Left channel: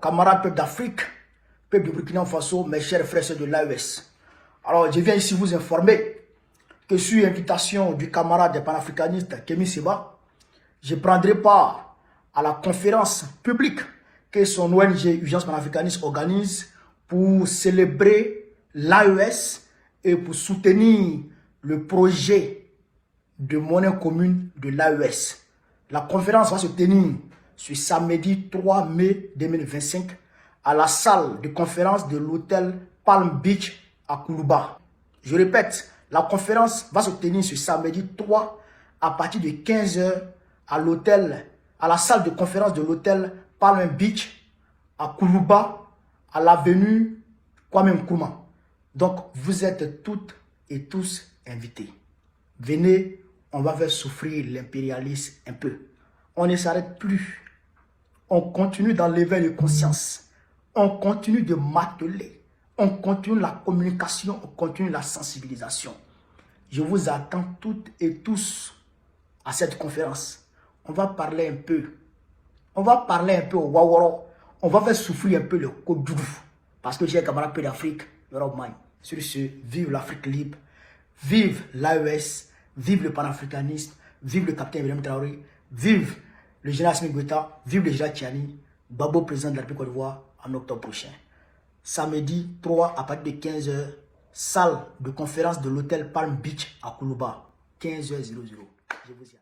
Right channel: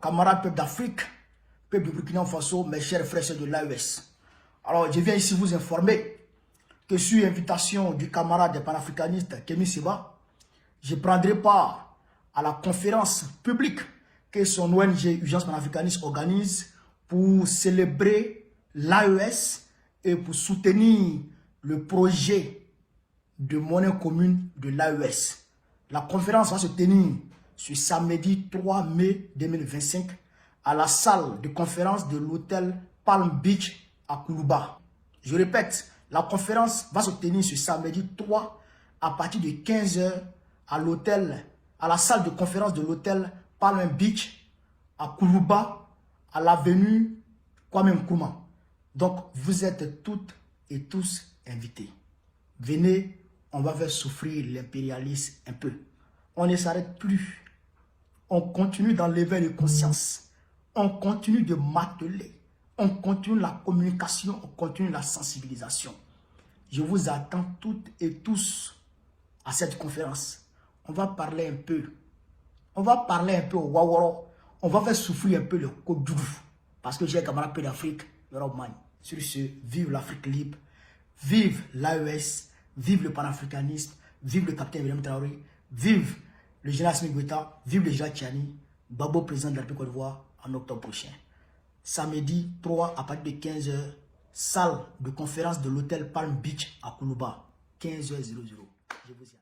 camarades peuple d'Afrique, peuple de Burkina Faso, mes chers frères de l'AES. Alors, je viens ici vous informer que sur invitation du camarade des panafricanistes Kémy Séba, je prendrai part à la conférence publique que son ONG Urgence Panafricaniste organise pour célébrer l'AES et pour soutenir le projet de monnaie commune de l'AES. La conférence va se tenir ce samedi 3 mai 2025 à la salle de conférence de l'hôtel Palm Beach à Koulouba. Je répète, la conférence va se tenir ce samedi 3 à partir de 15 h à la salle de conférence de l'hôtel Palm Beach à Koulouba, à l'avenue Kwame Nkrumah. Donc, vous êtes toutes et tous invités. Venez, on va faire souffrir l'impérialisme un peu. On ne s'arrête plus. On continue d'enlever les consciences. On continue de marteler. On continue la communication, on continue la sensibilisation. Je vous attends toutes et tous à cette conférence. On va parler un peu. On va parler un peu au Waworo. On va faire souffrir un peu le Kodoudou. Parce que j'ai un camarade peu d'Afrique, l'Europe man. Sur ce, vive l'Afrique libre. Vive l'AES. Vive le panafricanisme. Vive le capitaine William Traoré. Vive le général Assimi Goïta. Vive le général Tchani. Babo, président de la République Côte d'Ivoire, en octobre prochain. Samedi 3 à partir de 15 h, salle de conférence de l'hôtel Palm Beach à Koulouba. 15 h 00. Je vous y attends.